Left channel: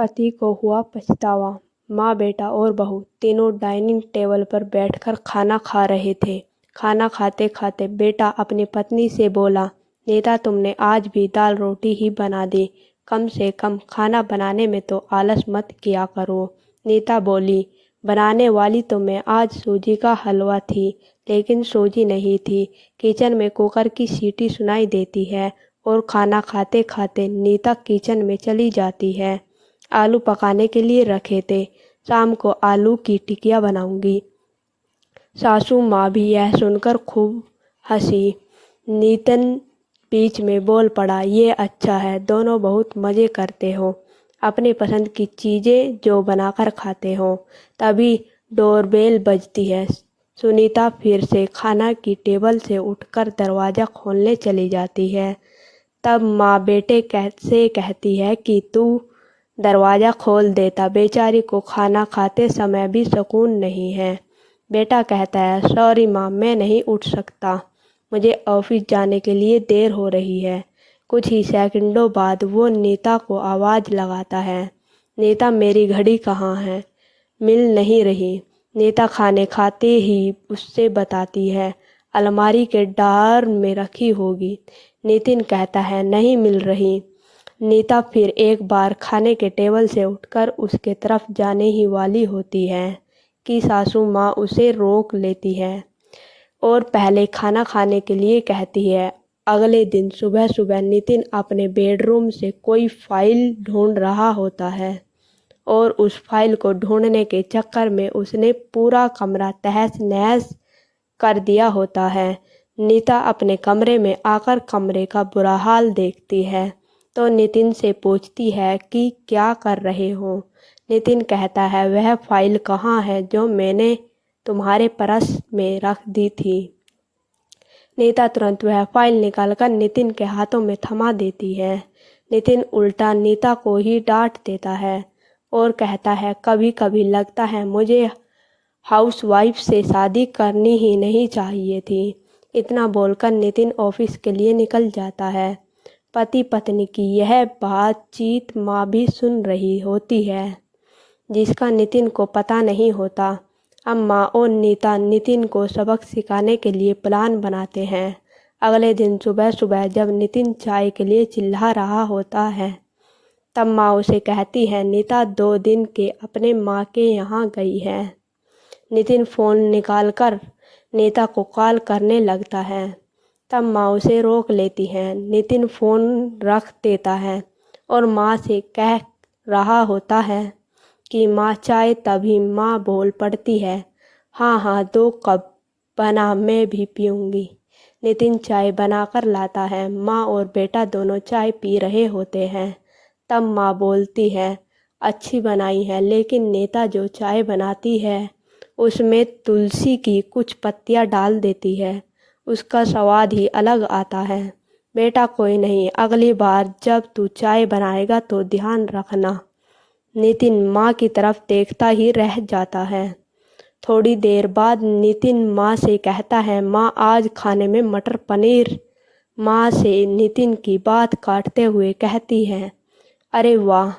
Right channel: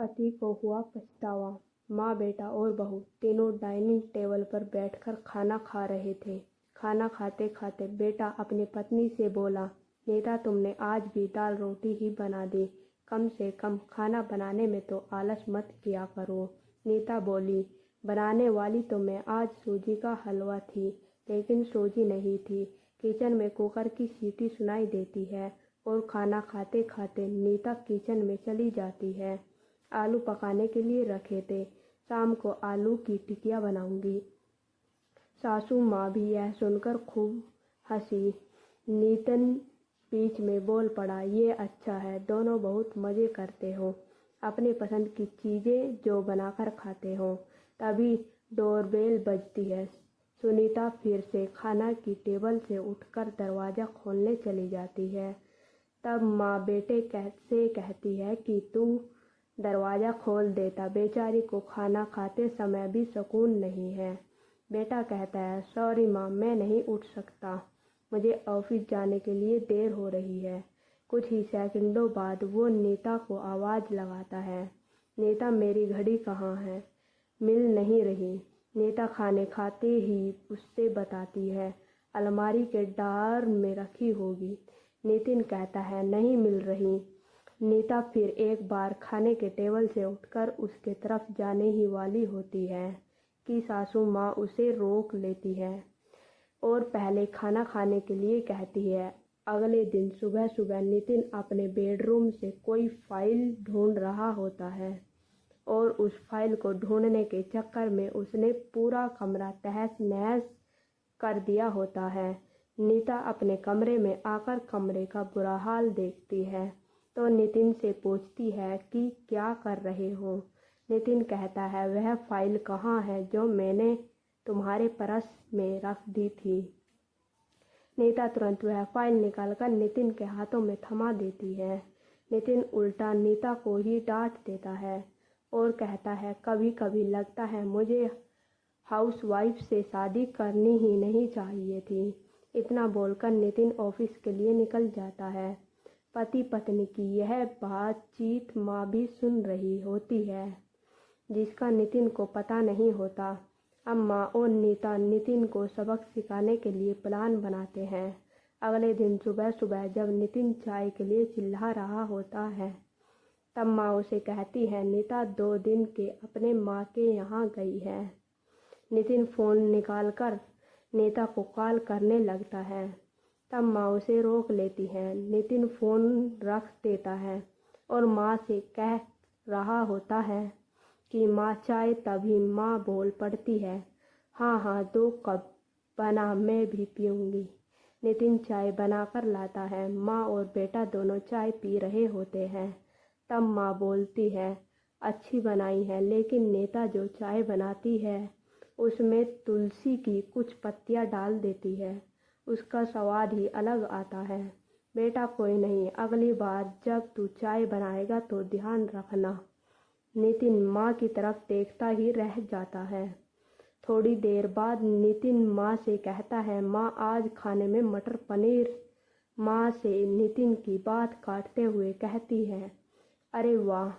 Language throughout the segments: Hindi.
पति को हुआ पछतावा। माँ, बेटा और बहू तीनों डाइनिंग टेबल पर बैठकर खाना खा रहे थे। खाना खाते खाते बेटा अपनी पत्नी से बोला, नीता, तुमने आज भी दाल रोटी ही बना दी। कम से कम खाना बनाने में तो आलस मत किया करो। नीता बोली, बनाने वाली तो मैं आज सूजी का हलवा थी, लेकिन सूजी नहीं थी। किचन में कुकर की सीटी सुनाई देती है और खाना खाते खाते नीता किचन में चली जाती है। आलू पकाने के लिए रखे थे, शाम को आलू की टिकिया बनाऊंगी। सासू माँ भी यह सुनकर खूब हंसी। नितिन बीच में बोल पड़ा, ये अच्छा है, दोनों बहुत मज़े करते हो, अपनी पसंद की चीज़ें जो बनाकर खाते हो। तभी डोरबेल बजती है। सुनीता फिर से खाना की टेबल से उठकर दरवाज़ा खोलने चली जाती है। तब माँ बेटे से कहती है कि तू दरवाज़ा खोल देता, बेचारी को खाना खाते समय भी सुकून नहीं है। बेटा कहता है, सॉरी माँ, मैं नहीं उठ सकता, मुझे ऑफिस जाने के लिए देर हो रही है। कुछ ही सेकंडों बाद वो नीता को आवाज़ लगाता है, नीता, मेरी घड़ी कहाँ है? मिल नहीं रही। नीता खाने खाते ही उससे बताती है, अलमारी के ड्रॉअर में रखी होगी। नितिन कहता है, नहीं मिल रही। नीता फिर एक बार खाने के टेबल से उठकर उसके तरफ जाने ही वाली होती है कि सासू माँ उसे रोक लेती है और पहले खाना खाने के लिए कहती है। अगले दिन सुबह सुबह नितिन अपने बेडरूम से कोई फाइल ढूंढ रहा होता है और उस फाइल को ढूंढने के चक्कर में उसने पूरा कमरा तहस नहस कर दिया होता है। नीता अपने कमरे में आकर कमरे का बुरा हाल देखती है तो नितिन से पूछती है कि क्या कर रहे हो। नितिन कहता है, वह फाइल कहाँ है जो मैंने तुम्हारे पर्स में रख दी थी। नीता तुरंत वह फाइल निकालकर नितिन के हाथों में थमा देती है। नितिन उल्टा नीता को ही डांट देता है और कहता है, कभी कभी लगता है मुझे हाउसवाइफ से शादी करनी ही नहीं चाहिए थी। इतना बोलकर नितिन ऑफिस के लिए निकल जाता है। पति पत्नी की यह बातचीत माँ भी सुन रही होती है, जिसका नितिन को पता नहीं होता। अब माँ और नीता नितिन को सबक सिखाने के लिए प्लान बनाते हैं। अगले दिन सुबह सुबह जब नितिन चाय के लिए चिल्ला रहा होता है, तब माँ उसे कहती है, नीता 2 दिन के अपने माँ के यहाँ गई है। नितिन फ़ोन निकालकर नीता को कॉल करने लगता है। तब माँ उसे रोक लेती है। नितिन फ़ोन रख देता है और माँ से कह रहा होता है कि माँ चाय, तभी माँ बोल पड़ती है, हाँ हाँ 2 कप बना, मैं भी पीऊँगी। नितिन चाय बनाकर लाता है। माँ और बेटा दोनों चाय पी रहे होते हैं। तब माँ बोलती है, अच्छी बनाई है, लेकिन नीता जो चाय बनाती है उसमें तुलसी की कुछ पत्तियाँ डाल देती है, उसका स्वाद ही अलग आता है। बेटा, कोई नहीं, अगली बार जब तू चाय बनाएगा तो ध्यान रखना। नितिन माँ की तरफ देखता ही रह जाता है। थोड़ी देर बाद नितिन माँ से कहता है, माँ आज खाने में मटर पनीर। माँ से नितिन की बात काटते हुए कहती है, अरे वाह,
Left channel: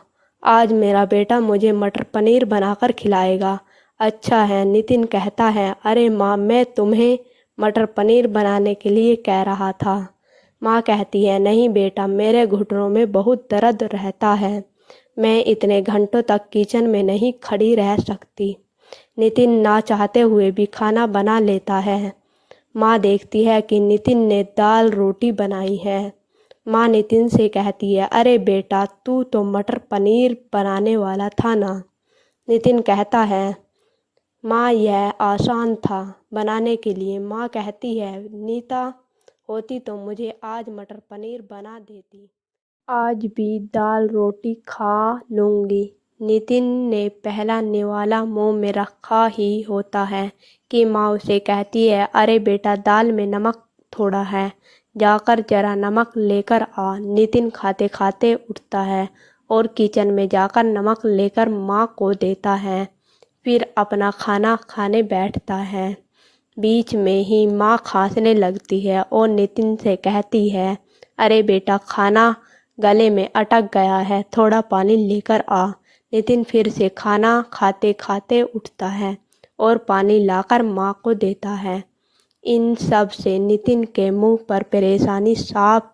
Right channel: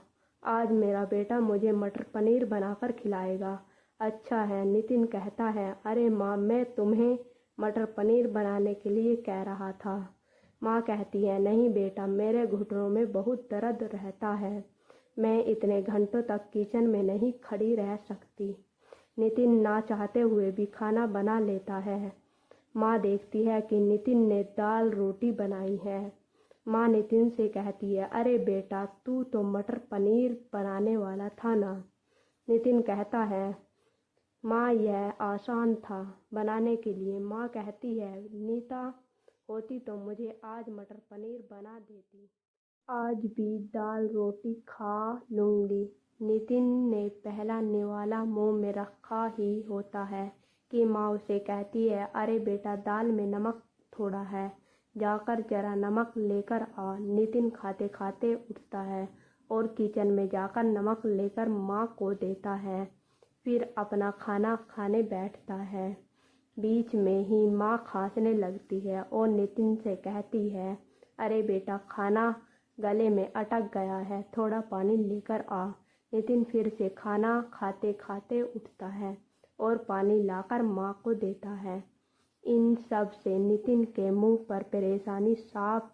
आज मेरा बेटा मुझे मटर पनीर बनाकर खिलाएगा। अच्छा है। नितिन कहता है, अरे माँ, मैं तुम्हें मटर पनीर बनाने के लिए कह रहा था। माँ कहती है, नहीं बेटा, मेरे घुटनों में बहुत दर्द रहता है, मैं इतने घंटों तक किचन में नहीं खड़ी रह सकती। नितिन ना चाहते हुए भी खाना बना लेता है। माँ देखती है कि नितिन ने दाल रोटी बनाई है। माँ नितिन से कहती है, अरे बेटा, तू तो मटर पनीर बनाने वाला था ना। नितिन कहता है, माँ यह आसान था बनाने के लिए। माँ कहती है, नीता होती तो मुझे आज मटर पनीर बना देती, आज भी दाल रोटी खा लूँगी। नितिन ने पहला निवाला मुंह में रखा ही होता है कि माँ उसे कहती है, अरे बेटा, दाल में नमक थोड़ा है, जाकर जरा नमक लेकर आ। नितिन खाते खाते उठता है और किचन में जाकर नमक लेकर माँ को देता है, फिर अपना खाना खाने बैठता है। बीच में ही माँ खांसने लगती है और नितिन से कहती है, अरे बेटा, खाना गले में अटक गया है, थोड़ा पानी लेकर आ। नितिन फिर से खाना खाते खाते उठता है और पानी लाकर माँ को देता है। इन सब से नितिन के मुंह पर परेशानी साफ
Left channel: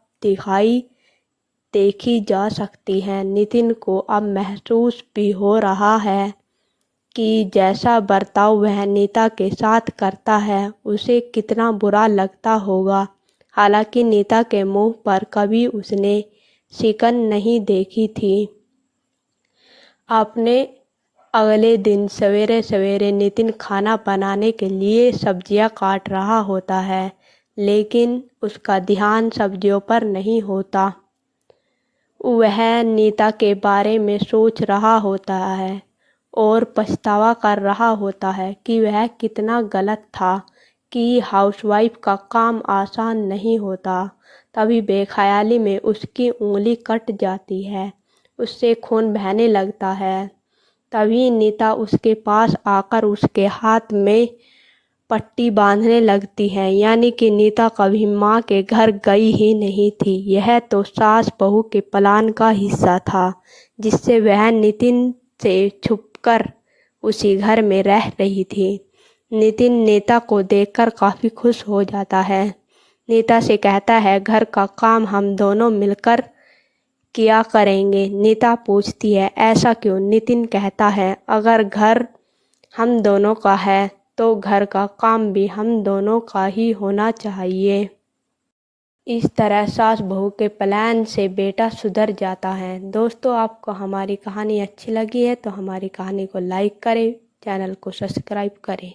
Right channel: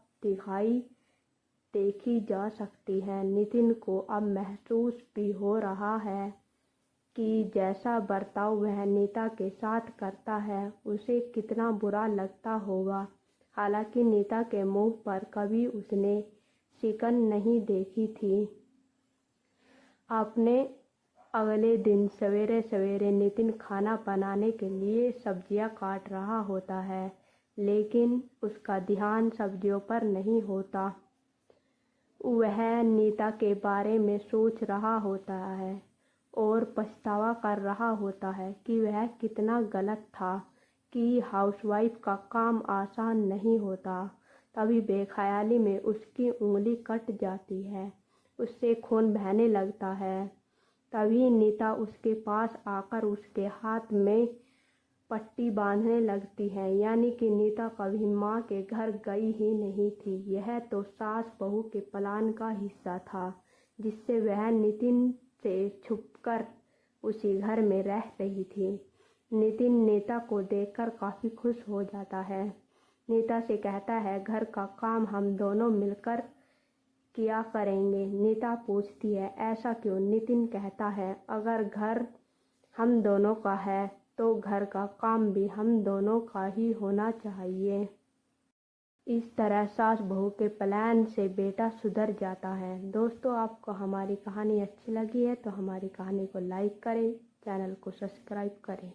देखी जा सकती है। नितिन को अब महसूस भी हो रहा है कि जैसा बर्ताव वह नीता के साथ करता है उसे कितना बुरा लगता होगा। हालांकि नीता के मुंह पर कभी उसने शिकन नहीं देखी थी। अपने अगले दिन सवेरे सवेरे नितिन खाना बनाने के लिए सब्जियां काट रहा होता है, लेकिन उसका ध्यान सब्जियों पर नहीं होता। वह नीता के बारे में सोच रहा होता है और पछतावा कर रहा होता है कि वह कितना गलत था कि हाउसवाइफ का काम आसान नहीं होता। तभी बेख्याली में उसकी उंगली कट जाती है, उससे खून बहने लगता है। तभी नीता उसके पास आकर उसके हाथ में पट्टी बांधने लगती है। यानी कि नीता कभी माँ के घर गई ही नहीं थी। यह तो सास बहू के प्लान का हिस्सा था, जिससे वह नितिन से छुपकर उसी घर में रह रही थी। नितिन नीता को देखकर काफ़ी खुश हो जाता है। नीता से कहता है, घर का काम हम दोनों मिलकर किया करेंगे। नीता पूछती है, ऐसा क्यों? नितिन कहता है, अगर घर हम दोनों का है तो घर का काम भी हम दोनों का ही होना चाहिए। इस तरह सास बहू के प्लान से बेटा सुधर जाता है। दोस्तों, आपको हमारी कहानी अच्छी लगी है तो हमारी कहानी को लाइक करें, चैनल को सब्सक्राइब करें।